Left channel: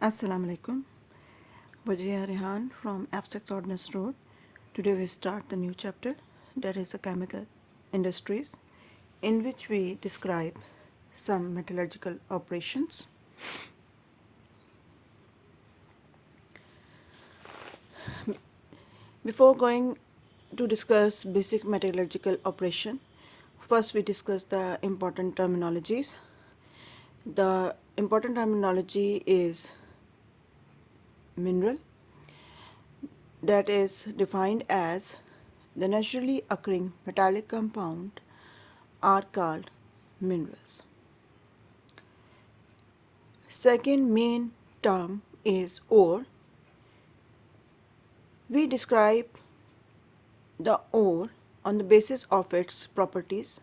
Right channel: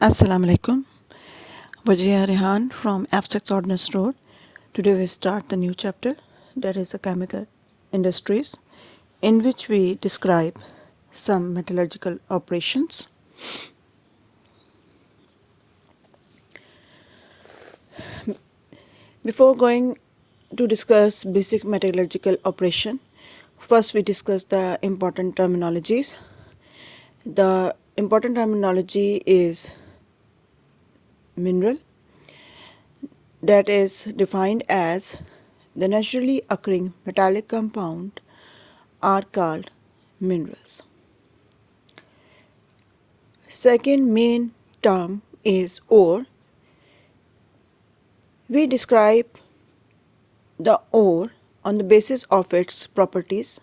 Assalamu alaikum. Wajia Rehan from Abstract Ordnance Road. Today we start the new chapter, that is the chemical industries, in which we describe some metallurgical operations. Before going to discuss basic metallurgical operation, first we discuss the important terminologies. The important terminology is mineral, that is defined as the naturally occurring metallic compound are called minerals. Second main term is ore. We describe the ore on the basis of its properties.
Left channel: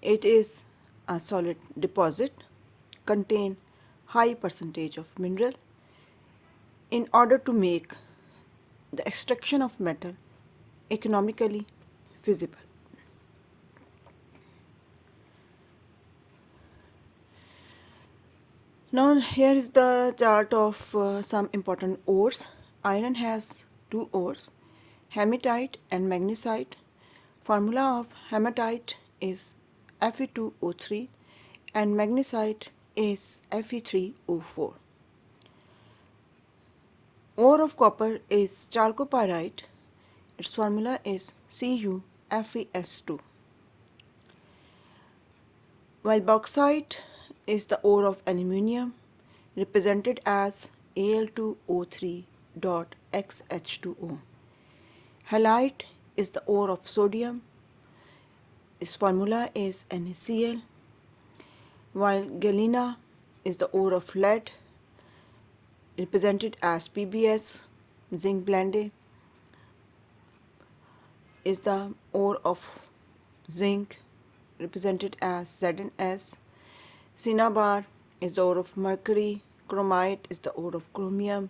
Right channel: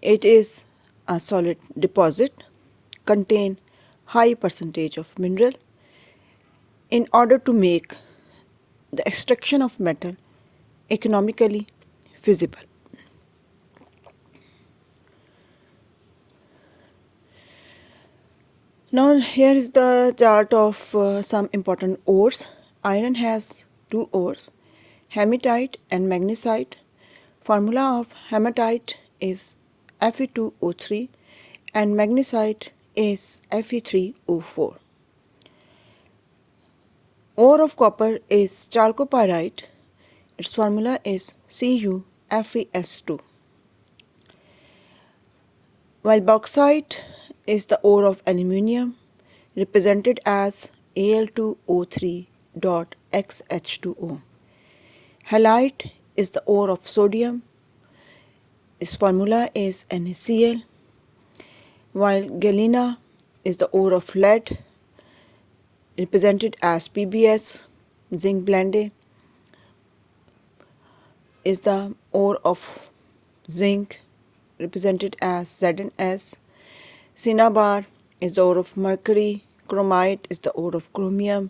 It is a solid deposit, contain high percentage of mineral. In order to make the extraction of metal economically feasible. Now here is the chart of some important ores. Iron has two ores, hematite and magnesite. Formula of hematite is Fe2O3 and magnesite is Fe3O4. Ore of copper is chalcopyrite. Its formula is CuFeS2. While bauxite is the ore of aluminium, represented as Al2O3.XH2O. Halite is the ore of sodium. Its formula is NaCl. While galena is the ore of lead, represented as PbS. Zinc blende is the ore of zinc, represented as ZnS. Cinnabar is the ore of mercury. Chromite is the ore of chromium.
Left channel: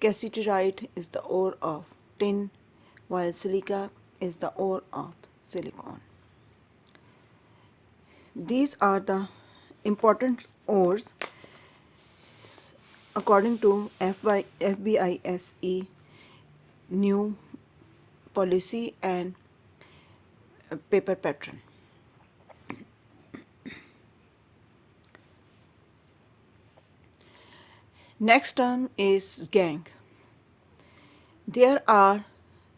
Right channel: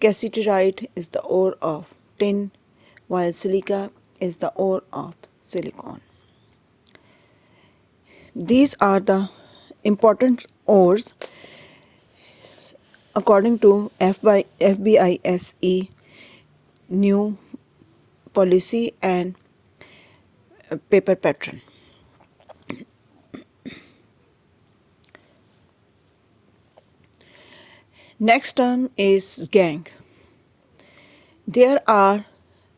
Cassiterite is the ore of tin, while silica is the ore of silicon. These are the important ores according to FBISE new policy and paper pattern. Next term is gangue. There are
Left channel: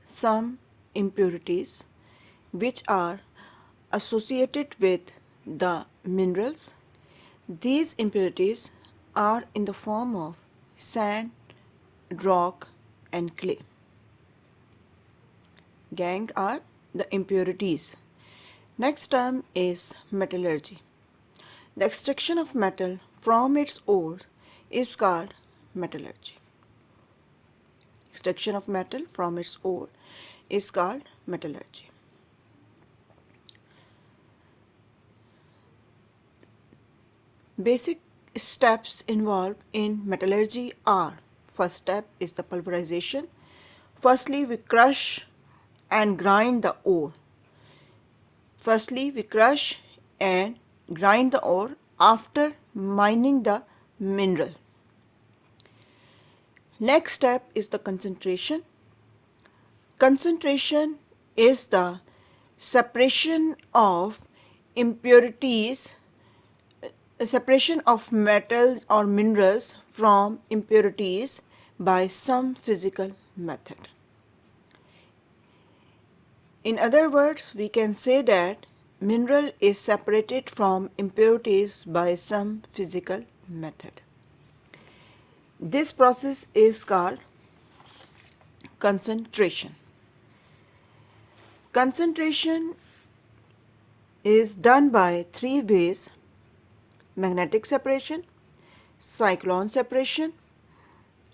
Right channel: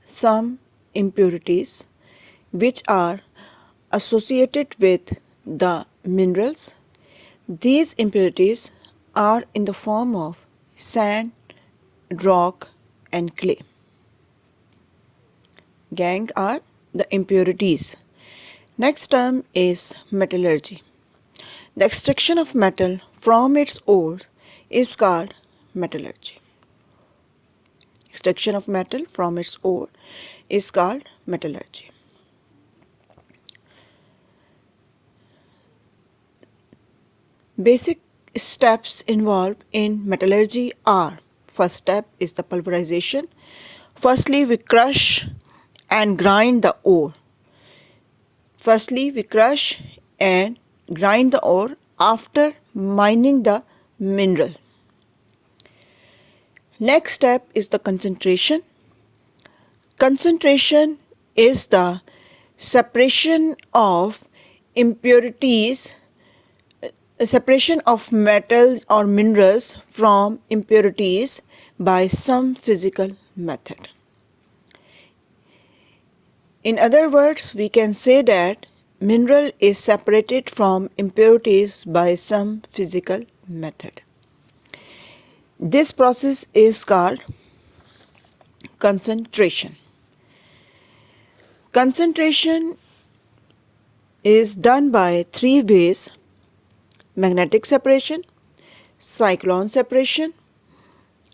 some impurities which are associated with the minerals. These impurities are in the form of sand, rock, and clay. Gangue are the impurities. Next term is metallurgy. The extraction of metal from its ore is called metallurgy. Extraction of metal from its ore is called metallurgy. Basic steps involved in metallurgy are: first step is the pulverization. Firstly, we crush and grind the ore. After mining the mineral. Next step is the concentration. Concentration is the separation of impurities, separation of metals or minerals from impurities by some physical method. In other words, we can say that mineral is separated from impurities by some physical method. This process is called concentration. Concentration is done by three ways: magnetic separation, cyclone separation,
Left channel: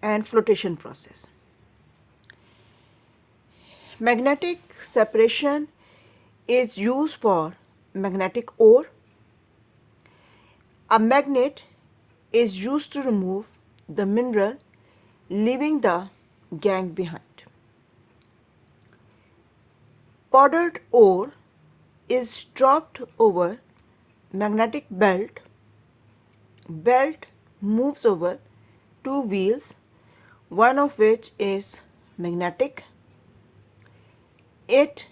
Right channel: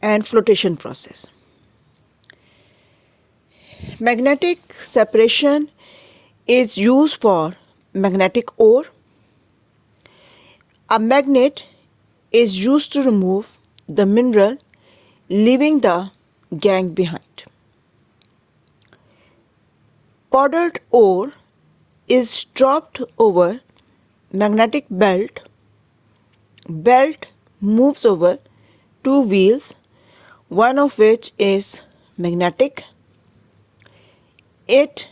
and flotation process. Magnetic separation is used for magnetic ore. A magnet is used to remove the mineral, leaving the gangue behind. Powdered ore is dropped over magnetic belt. Belt moves over two wheels, one of which is magnetic. It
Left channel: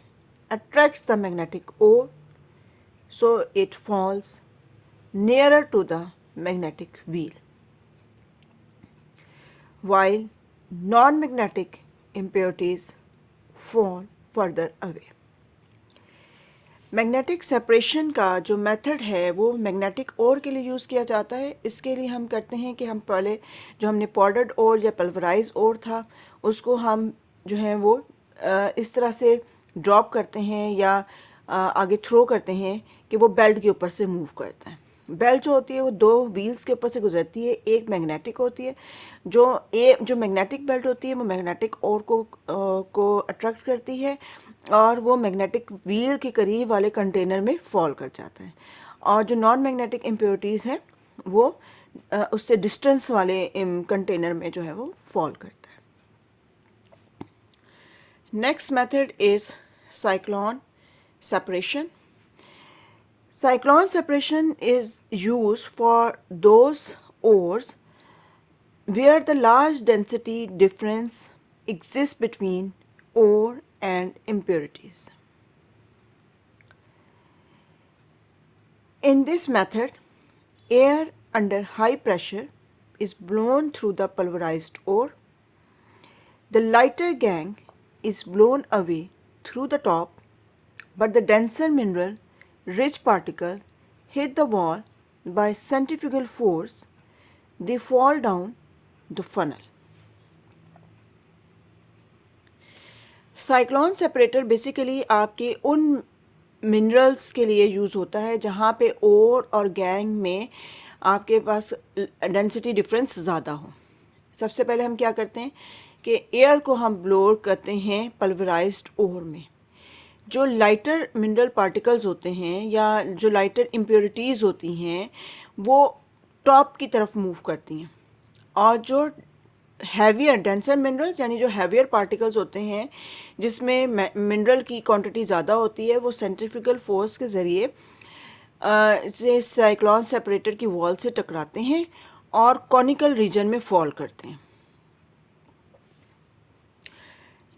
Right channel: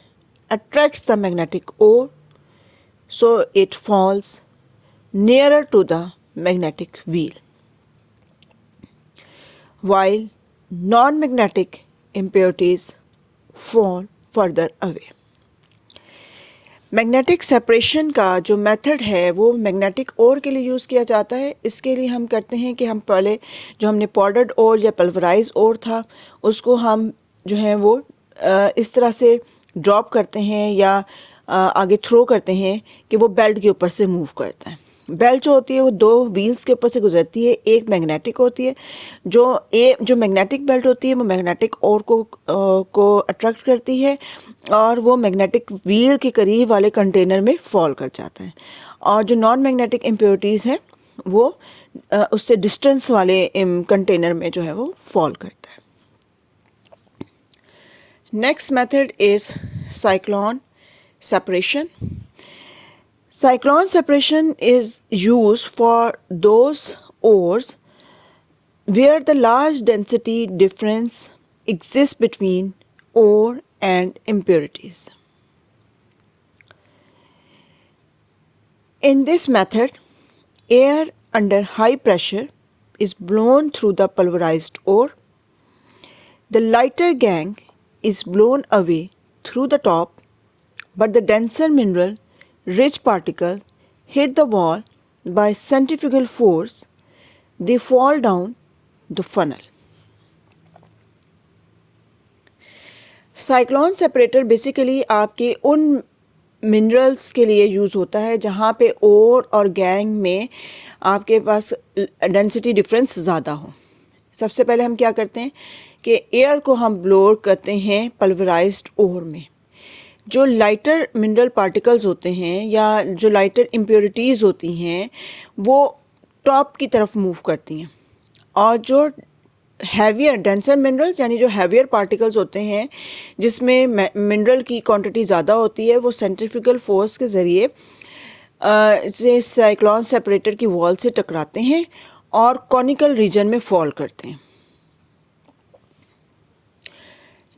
attracts the magnetic ore, so it falls nearer to the magnetic wheel, while non-magnetic impurities fall further away. Magnetic separation का जो method है वो magnetic ओर के लिए use किया जाता है। इसके लिए हम करते हैं कि हम पहले जो हमने पाउडर्ड ओर या पल्वराइज ओर था उसको हम जो है वो इस तरह से ड्रॉप करते हैं या आगे थ्रो करते हैं कि वो बेल्ट के ऊपर से मूव करता है। बेल्ट जो होती है वो दो व्हील्स के ऊपर से गुजरती है, एक मैग्नेटिक होती है। जो मैग्नेटिक बेल्ट होती है वो मैग्नेटिक ओर को अट्रैक्ट करती है और वो मैग्नेटिक व्हील के करीब वाले कंटेनर में फॉल कर जाता है, और जो नॉन मैग्नेटिक इम्प्योरिटीज़ हैं वो उससे डिस्टेंस वाले कंटेनर में जो है वो फॉल करता है। Next method is cyclone separation. Cyclone separation is used for those ores where the large density difference exists between ore and impurities. In this method, air under high pressure is blown through the pulverized ore. The lighter gangue is blown away through the top, but the denser mineral rich particles hit the wall by centrifugal force. They fall down the funnel. Cyclone separator basically आपके उन minerals के लिए use होता है जहाँ पे ओर और gang में आपके पास डेंसिटी डिफरेंस ज़्यादा हो। सबसे पहले हम क्या करते हैं कि एयर को हम ब्लो करते हैं पल्वराइज्ड ओर में। जो लाइटर मिनरल पार्टिकल्स होते हैं या जो लाइटर इम्प्योरिटीज़ होती हैं वो टॉप की तरफ मूव करती हैं, और जो हैवियर डेंसर मिनरल्स यानी जो हैवियर पार्टिकल्स होते हैं जिसमें मिनरल की क्वांटिटी ज़्यादा होती है वो सेंट्रीफ्यूगल फोर्स के ज़रिए इसे साइक्लोन सेपरेटर की वॉल से टकराते हैं और कॉनिकल रीजन में फॉल करते हैं।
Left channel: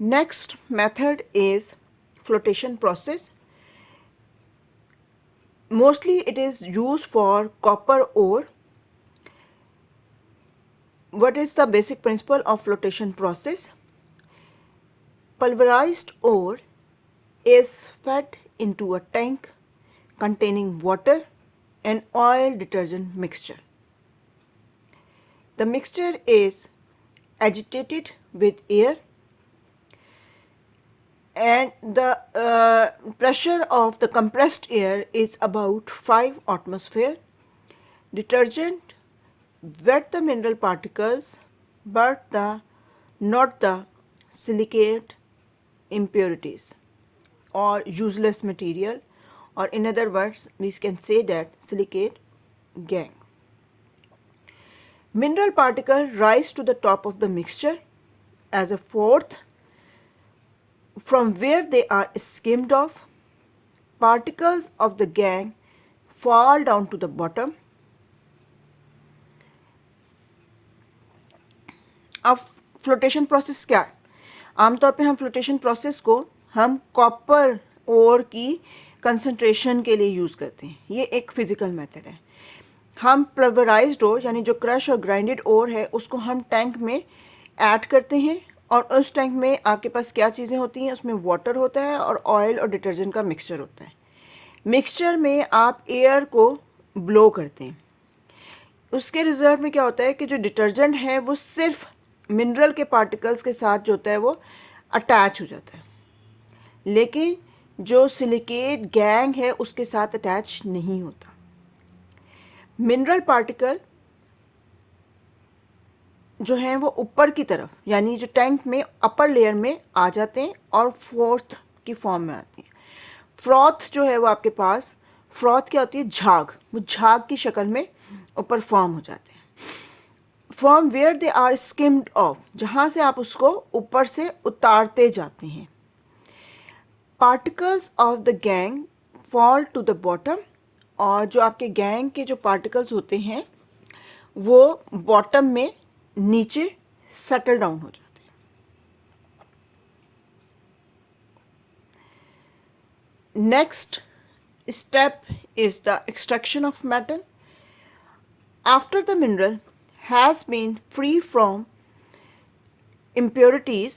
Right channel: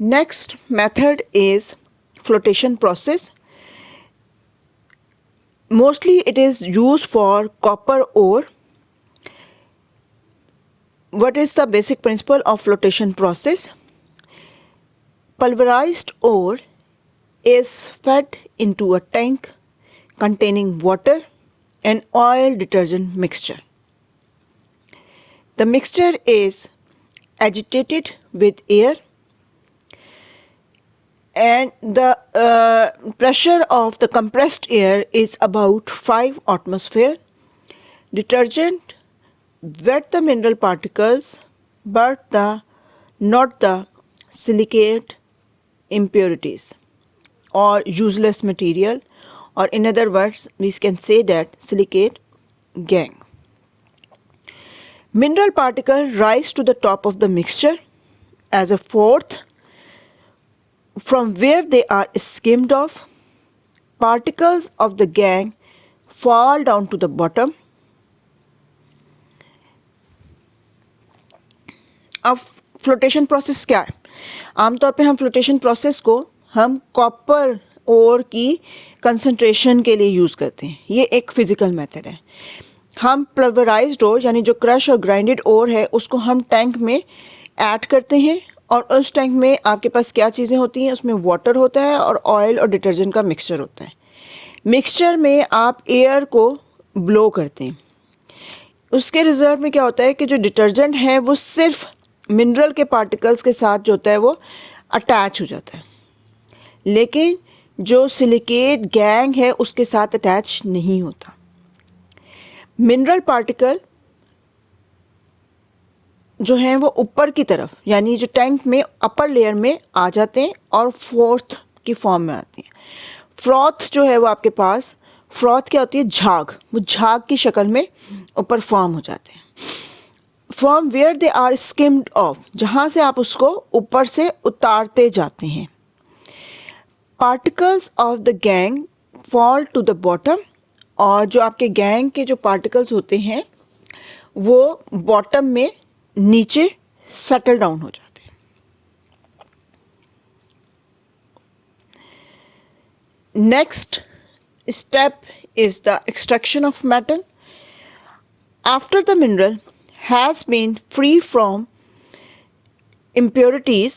Next method is flotation process. Mostly it is used for copper ore. What is the basic principle of flotation process? Pulverized ore is fed into a tank containing water and oil detergent mixture. The mixture is agitated with air, and the pressure of the compressed air is about 5 atmosphere. Detergent wet the mineral particles but not the silicate impurities or useless material, or in other words we can say that silicate gangue. Mineral particles rise to the top of the mixture as a fourth. From where they are skimmed off, particles of the gangue fall down to the bottom. अब flotation process क्या है? आमतौर पे हम flotation process को हम copper ओर की concentration के लिए यूज़ करते हैं। ये एक फिज़िकल मेथड है। हम पल्वराइज्ड ओर यानी जो क्रश और ग्राइंडेड ओर है उसको हम टैंक में ऐड करते हैं, और उस टैंक में आपके पास क्या चीज़ें होती हैं, उसमें वाटर होता है और ऑयल और डिटर्जेंट का मिक्सचर होता है। मिक्सचर में आप एयर को ब्लो करते हैं। उसके रिजल्ट में क्या होता है कि जो डिटर्जेंट है वो सिर्फ मिनरल के पार्टिकल्स के साथ जो होता है वो अटैच हो जाता है, लेकिन जो सिलिकेट गैंग है उसके साथ अटैच नहीं होता। मिनरल पार्टिकल जो हैं वो ऊपर की तरफ यानी जो टैंक में अपर लेयर में आ जाते हैं और फोर्थ की फॉर्म में आती हैं। फ्रॉथ जो है वो आपके पास, फ्रॉथ क्या होती है? झाग। वो झाग की शक्ल में ऊपर फॉर्म हो जाते हैं। From where they are skimmed off, जहाँ से आप उसको ऊपर से उतारते जाते हैं। Particles of the gangue fall to the bottom, और जो आपके गैंग के जो पार्टिकल्स होते हैं वो बॉटम में नीचे सेटल डाउन हो जाते हैं। Next step is the extraction of metal. After the mineral has been free from impurities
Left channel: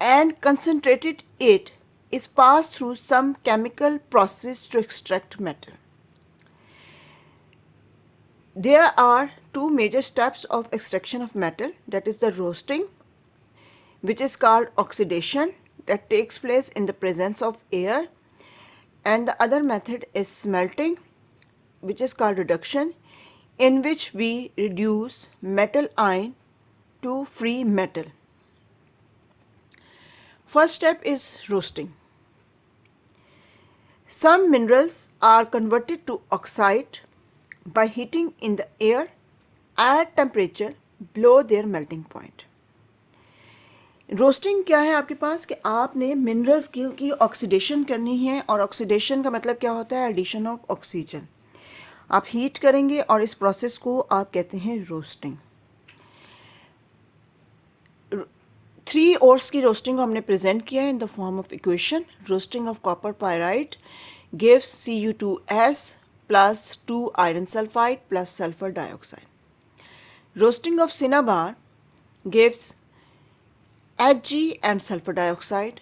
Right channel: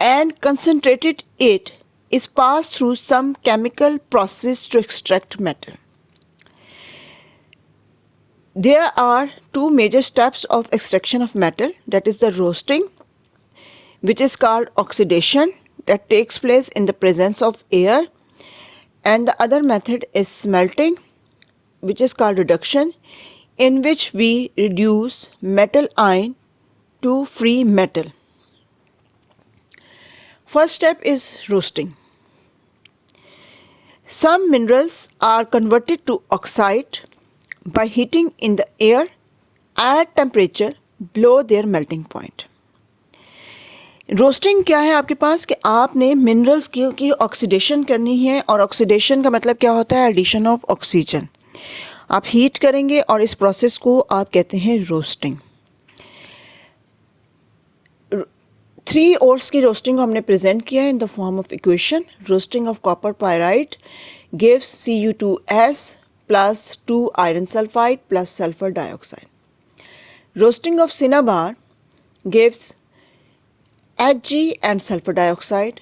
and concentrated, it is passed through some chemical process to extract metal. There are two major steps of extraction of metal, that is the roasting, which is called oxidation, that takes place in the presence of air, and the other method is smelting, which is called reduction, in which we reduce metal ion to free metal. First step is roasting. Some minerals are converted to oxide by heating in the air at temperature below their melting point. Roasting क्या है आपके पास कि आपने minerals की oxidation करनी है, और oxidation का मतलब क्या होता है? Addition of oxygen. आप हीट करेंगे और इस प्रोसेस को आप कहते हैं रोस्टिंग। 3 ओर्स की रोस्टिंग को हमने प्रेजेंट किया है in the form of equation. Roasting of copper pyrite gives Cu2S plus 2 iron sulfide plus sulfur dioxide. Roasting of cinnabar gives Hg and sulfur dioxide.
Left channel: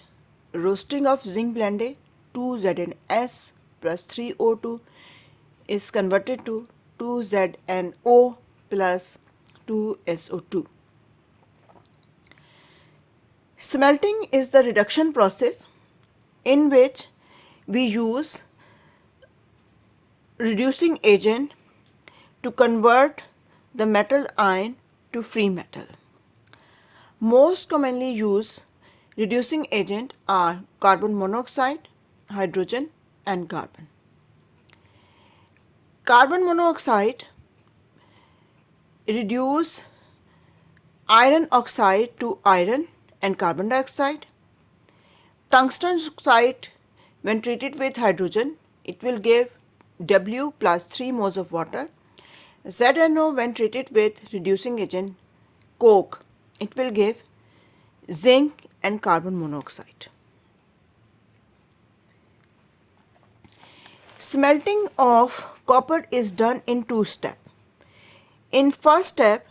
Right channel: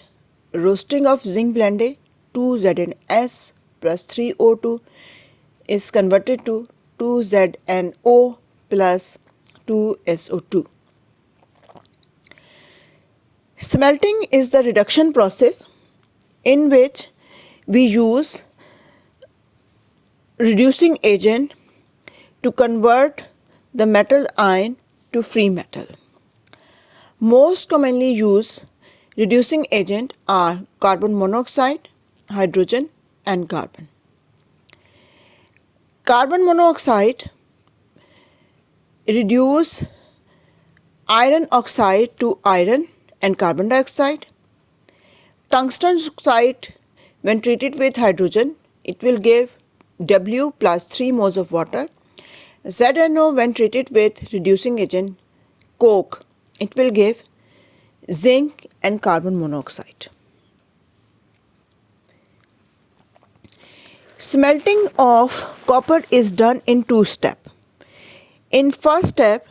Roasting of zinc blende 2ZnS plus 3O2 is converted to 2ZnO plus 2SO2. Smelting is the reduction process in which we use reducing agent to convert the metal ion to free metal. Most commonly used reducing agent are carbon monoxide, hydrogen and carbon. Carbon monoxide reduce iron oxide to iron and carbon dioxide. Tungsten oxide, when treated with hydrogen, it will give W plus 3 moles of water. ZNO, when treated with reducing agent coke, it will give zinc and carbon monoxide. Smelting of copper is done in 2 steps. In first step,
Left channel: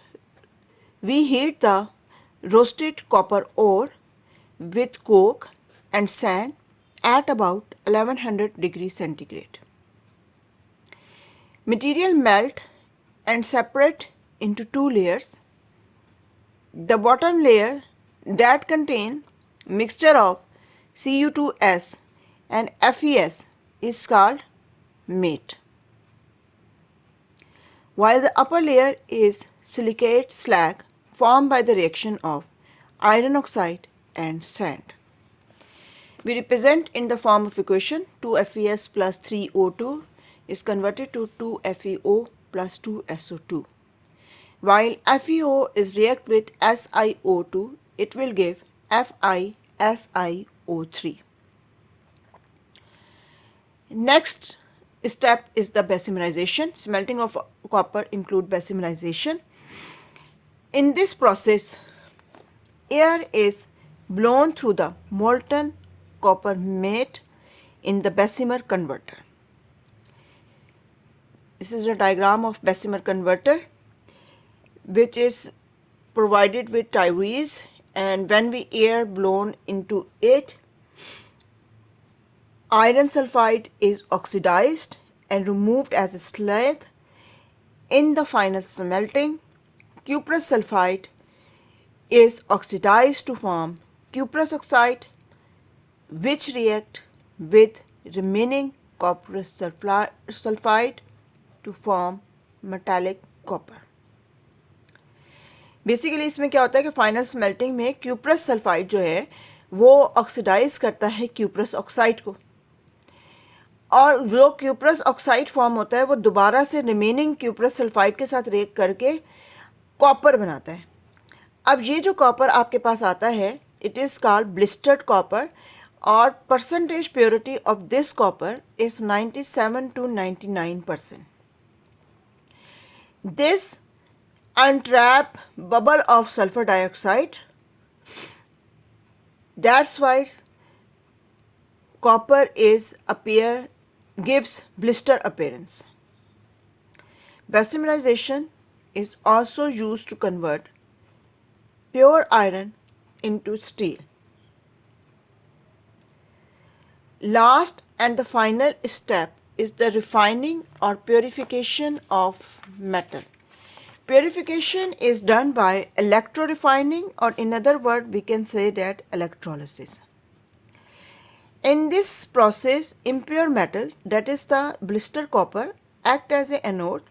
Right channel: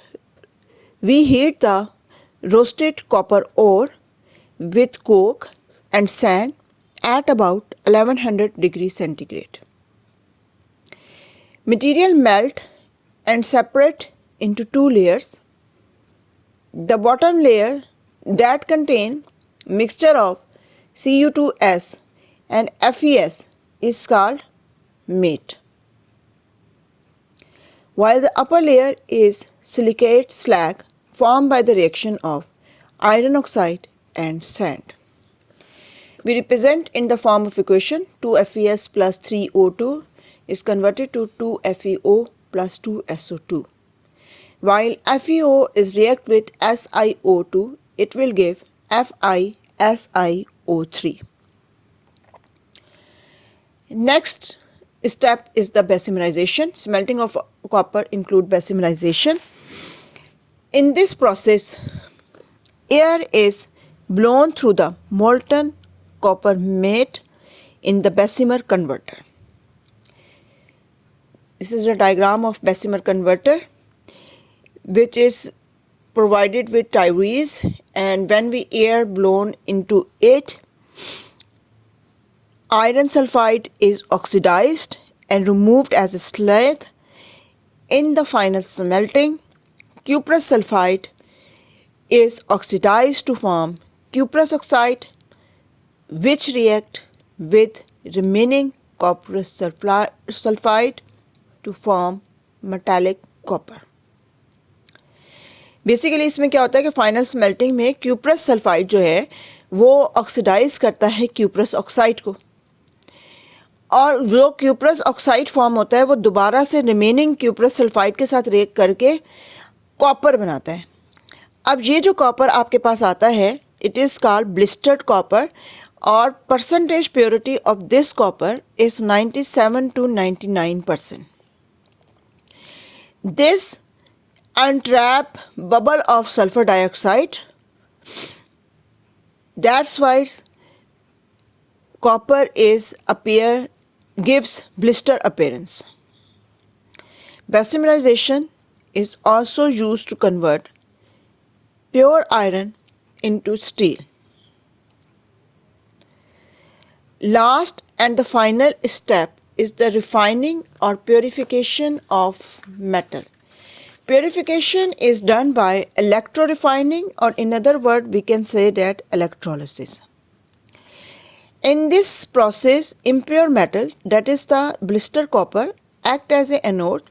we heat the roasted copper ore with coke and sand at about 1100 degrees centigrade. Material melt and separate into 2 layers. The bottom layer that contain mixture of Cu2S and FeS is called matte, while the upper layer is silicate slag formed by the reaction of iron oxide and sand. We represent in the form of equation 2FeS plus 3O2 is converted to 2FeO plus 2SO2. While FeO is react with SiO2, it will give FiSiO3. Next step is the basimerization. Smelting of copper include basimerization. In this process, air is blown through the molten copper matte in the Bessemer converter. This is a diagram of Bessemer converter, which is provided with tires, and when we air blown into it, iron sulfide is oxidized and removed as a slag. In the final smelting, cuprous sulfide is oxidized to form cuprous oxide, which react with remaining cuprous sulfide to form metallic copper. Basically इसमें क्या होता है कि final smelting में cuprous sulphide जो है वो oxidise करता है क्यूप्रस ऑक्साइड को, और जो क्यूप्रस ऑक्साइड फॉर्म होता है वो दोबारा से रिमेनिंग क्यूप्रस सल्फाइड के साथ रिएक्ट करके कॉपर बनाता है। अब ये जो कॉपर आपके पास आता है, it is called blistered copper, और percentage purity of this copper is 97 to 99%. This and trap bubble of sulfur dioxide. That's why copper gives blister appearance. Basimerization is also used to convert pure iron into steel. Last and the final step is the refining or purification of metal. Purification is done by electrorefining, or in other words we can say that electrolysis. In this process, impure metal, that is the blister copper, act as an anode,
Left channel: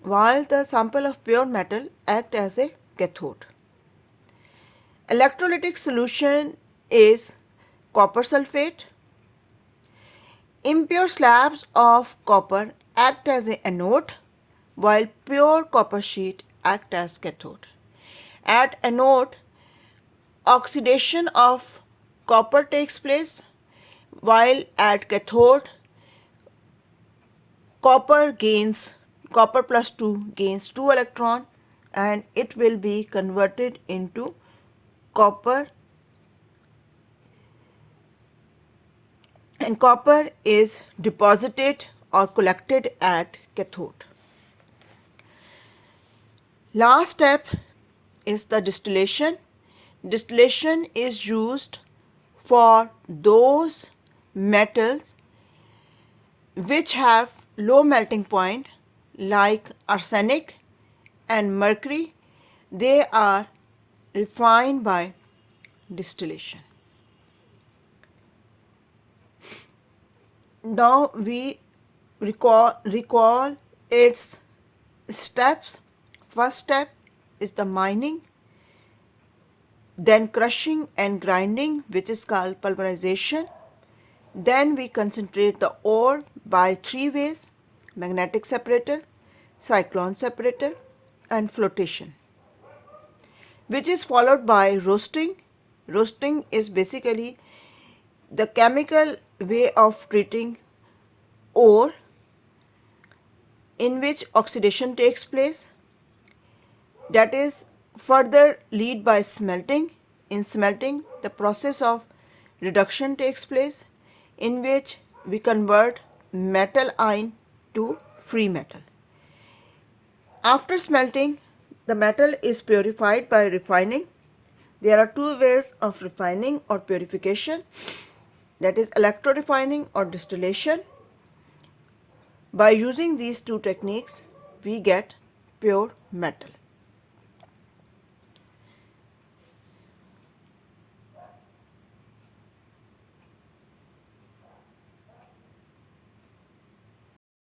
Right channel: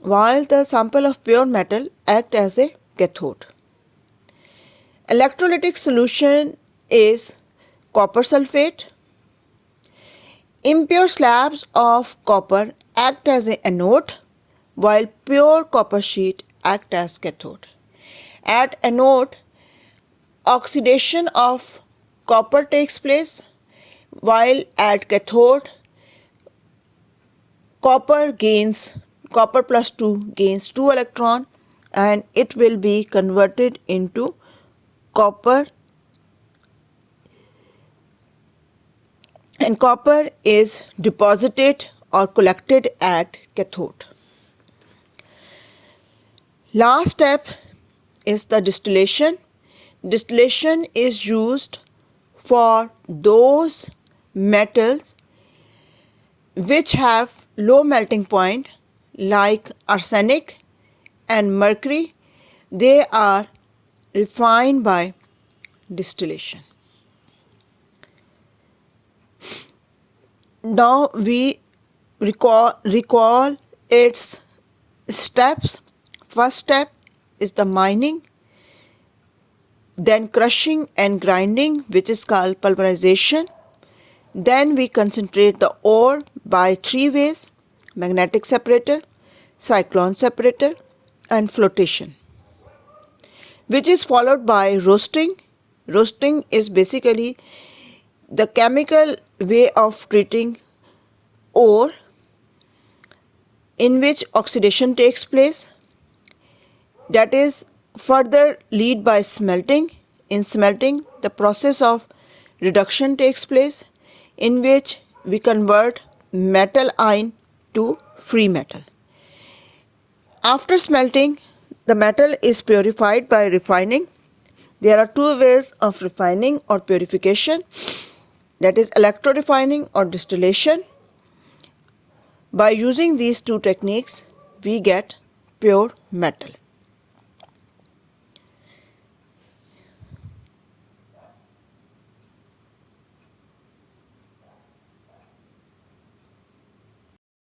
while the sample of pure metal act as a cathode. Electrolytic solution is copper sulfate. Impure slabs of copper act as an anode, while pure copper sheet act as cathode. At anode, oxidation of copper takes place, while at cathode, copper plus 2 gains 2 electron, and it will be converted into copper, and copper is deposited or collected at cathode. Last step is the distillation. Distillation is used for those metals which have low melting point, like arsenic and mercury. They are refined by distillation. Now we recall its steps. First step is the mining, then crushing and grinding, which is called pulverization. Then we concentrate the ore by 3 ways: magnetic separator, cyclone separator, and flotation, which is followed by roasting. Roasting is basically the chemical way of treating ore in which oxidation takes place. That is further lead by smelting. In smelting, the process of reduction takes place, in which we convert metal ion to free metal. After smelting, the metal is purified by refining. There are 2 ways of refining or purification, that is electrorefining or distillation. By using these 2 techniques, we get pure metal.